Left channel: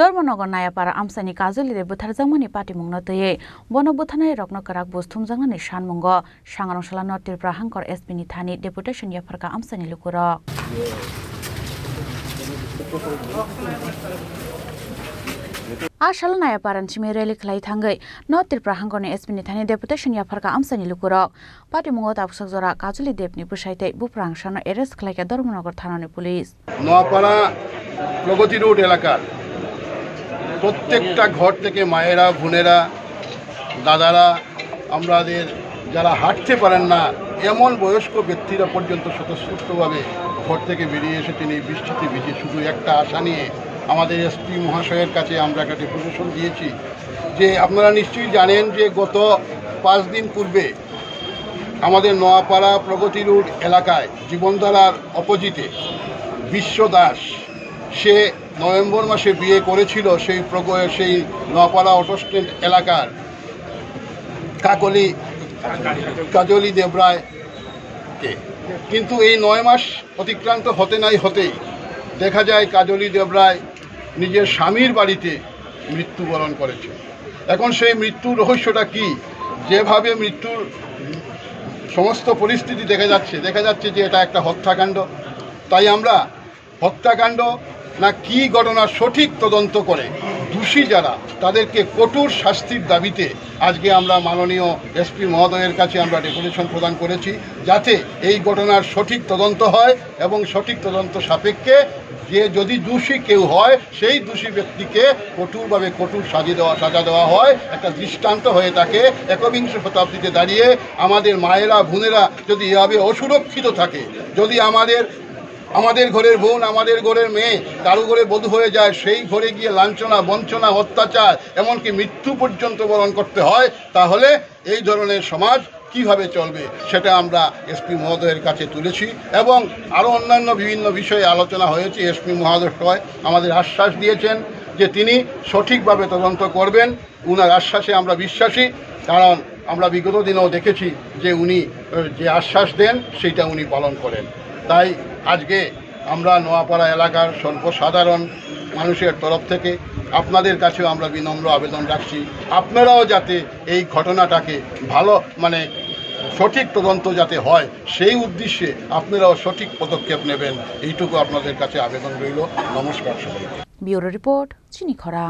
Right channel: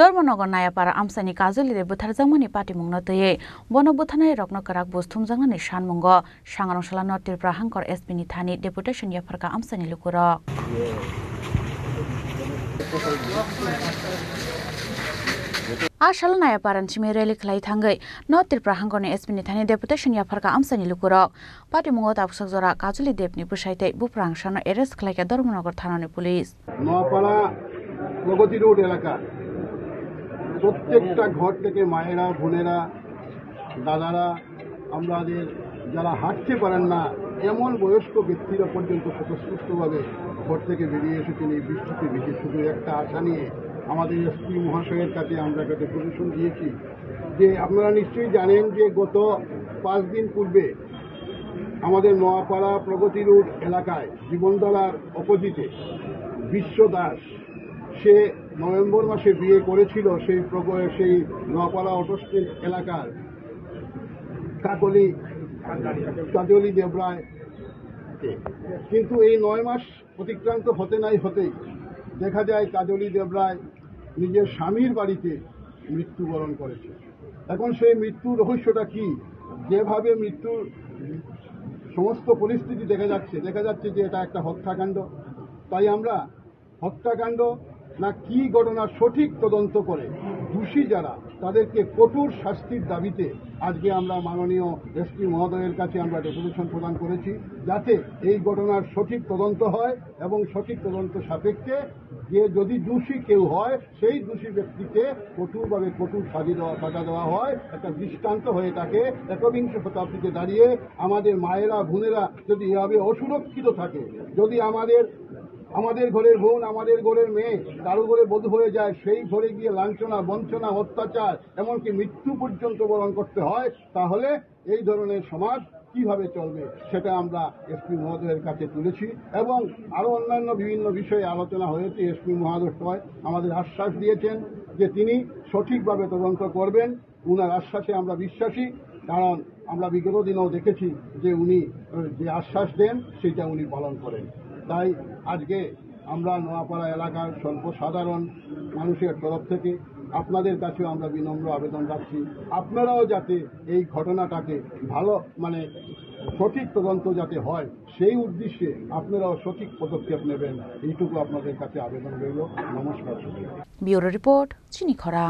धर्मनगर नायापारा आमसानि काजलिरे बुथारजांमानि पाटिमुंनो तयै बन बुथानाय रत्नकराक बुस्थुमजांनानै सानमुंग सांग्रांसला नतिरफ्रा हांकर एसपिनि थानि deputation याफारका आमसानि लुकुरक आशाल नायापारान चिमे rally खलाई थांगै नतिरफ्रा हांकरनि एसपिनि थानि deputation याफारका आमसानि लुकुरक पाटिमुंग ताबुसक जरा काजलि देवनि बुसाइते बुफ्रां सानो एरेस्ट खलाइका धर्मनगर थानानि पुलिस নোয়াপাড়া প্রগতি রোড এলাকার প্রত্যেকটা ঘর থেকে মায়েরা বোনেরা দাদারা আমাদের যারা হাঁটতে পারেন না এমন বয়স্ক ব্যক্তিরা পর্যন্ত স্বতঃস্ফূর্তভাবে ঘর থেকে বেরিয়ে এসে তিনি বৃষ্টিতে ভিজে শুধু একটা আশা নিয়ে আমাদের এসপি মহাশয়ের কাছে আমরা একটা ডেপুটেশন দিয়েছি যে আপনারা নিশ্চয়ই জানেন যে গত 5 দিন পূর্বে আমাদের নোয়াপাড়া প্রগতি রোড এলাকায় জীবনধারার অপোজিটে বিশ্ব দাস সে নভেম্বর মাসে বিয়ে করেছিল সেই নোয়াপাড়া অটো স্ট্যান্ড এলাকার কাজলি দেবরায়কে কিন্তু এই 9 মাস অতিক্রান্ত হতেই দেখা যায় কাজলি দেবরায় নিজের স্বামীর বাড়িতে মৃত্যুবরণ করেছে। এখন সেই মৃত্যুর রহস্যটা কি, যেভাবে মৃত্যুর সমস্ত পরিস্থিতি দেখা যাচ্ছে যে এটা একটা হত্যাকাণ্ড। তাই আমরা হত্যাকাণ্ড না কি ঘটনার সঠিক তদন্ত করে দোষী যারা তাদেরকে কঠোর শাস্তির দাবিতে আজকে আমরা মাননীয় এসপি মহোদয়ের কাছে আমরা ডেপুটেশন প্রদান করেছি যাতে এই ঘটনার সঠিক তদন্ত হয় এবং সঠিক তদন্ত সাপেক্ষে যে যদি দোষী কেউ হয় সেই দোষী ব্যক্তিকে কঠোরভাবে কঠোর সাজা দেওয়া হয়, একটা দৃষ্টান্ত হয়ে থাকে। একবিংশ শতাব্দীতে দাঁড়িয়ে আমাদের মায়েরা বোনেরা যদি এভাবে অসুরক্ষিত থাকে, যদি আমাদের ঘরের বোন আমাদের ঘরের মেয়ে কারো ঘরে বধূ হয়ে যায়, সেই ঘরে গিয়ে লাঞ্ছনা বঞ্চনা অত্যাচার এমনকি মৃত্যু পর্যন্ত বরণ করতে হয়, তাহলে এই ধরনের সমাজ কিভাবে চলবে সেটা আমরা এসপি মহোদয়ের কাছে তুলেছি এবং আরও অন্যান্য বিভিন্ন বিষয়ে আলোচনা হয়েছে। এসপি মহোদয় আমাদের আশ্বাস দিয়েছেন যে তিনি সঠিকভাবে তদন্ত করবেন। উনার আশ্বাসে আমরা বিশ্বাসী, কারণ আমরা বিগত দিনেও দেখেছি যে উনি যে আশ্বাস দেন সেইটা উনি পালন করেন। তাই আজকে আমরা নোয়াপাড়া এলাকার সর্বসাধারণ মানুষের তরফ থেকে আপনাদের কাছেও আমরা বিনম্র আবেদন রাখছি, আপনারাও যাতে এই ঘটনাটাকে সঠিক তদন্ত যাতে হয় সেই উদ্দেশ্যে আপনারাও সঠিক পদক্ষেপ নেবেন, এইটুকু আপনাদের কাছে আবেদন রইল। নমস্কার। ব্যুরো রিপোর্ট চিনি খরা।